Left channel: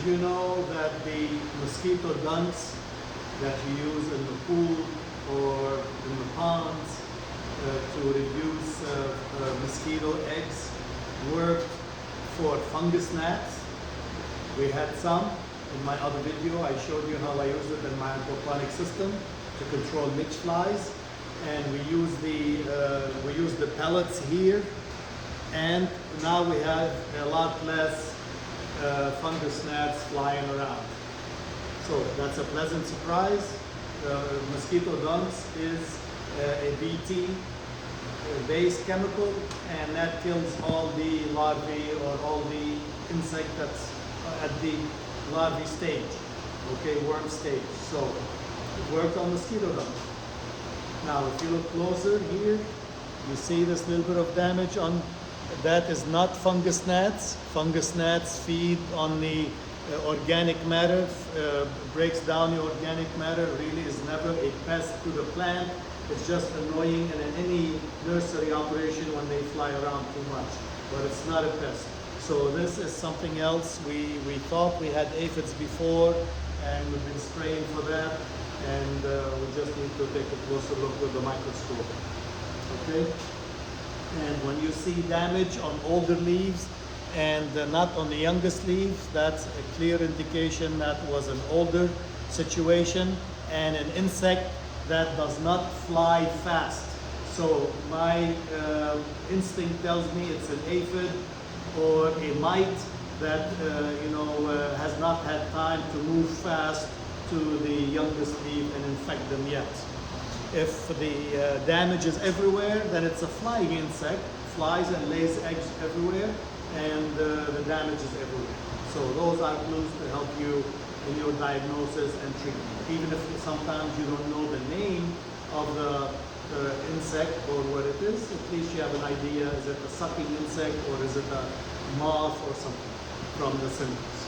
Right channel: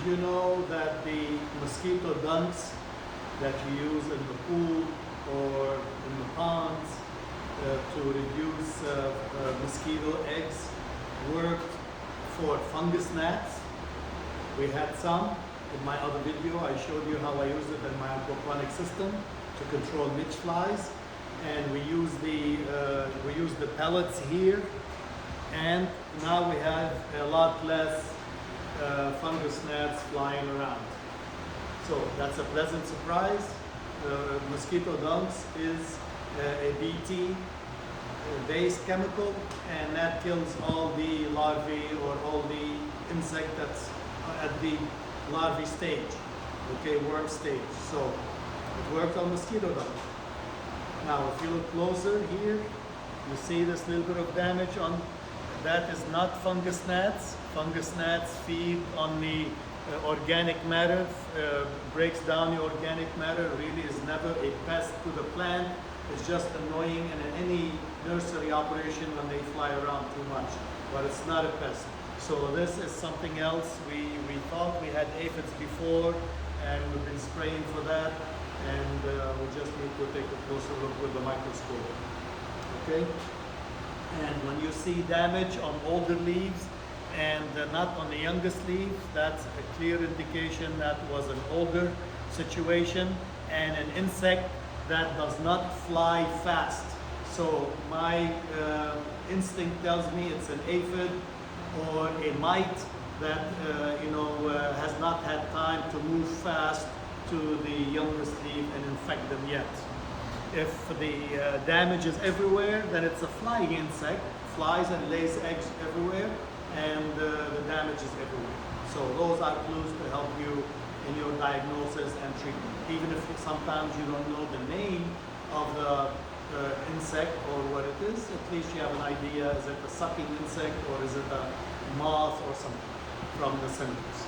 Did you know that the mosquito dunks that you use in the pool or in the ponds to reduce mosquito eggs worked for fungus gnats? We had some. In my other video, I showed you how I use it in my aquaponic system to control midge flies. And we use the pellets here, and now we have a lot less fungus gnats flying around. So that's a pleasant surprise. Mosquito dunks is a BT based chemical, and that kills all the larvae or all the insect that's at the larvae stage, okay, worm stage. So it works on mosquito dunks. Now, if you look closer here, you see this little bit of damage on that is not fungus gnats. Fungus gnats feed on the organic matter, breaks down the organic matter, really is never a pest to the plant. It's just annoying in any nursery operation when they fly around too much, but it's not a pest. So this is something else. We thought we had aphids before, and we've been spraying for that. And we just need to take a closer look with the microscope, okay? And when you see damage on older leaves and not on the youngest leaves, that's a clear indication that was an older situation and an insect that does not fly fast. So my instinct tells me it's an aphid or a mite that has not had time to move fast to the youngest leaf and infect them yet. If the damage is everywhere, then it's a flying insect, flies and lays eggs everywhere, and the damage is everywhere. So those are clues to help you in your diagnosis and treatment. Even if sometimes you don't know the name of the insect or what it is, at least you have an idea, is it a sucking insect or is it a moth or something from the symptoms.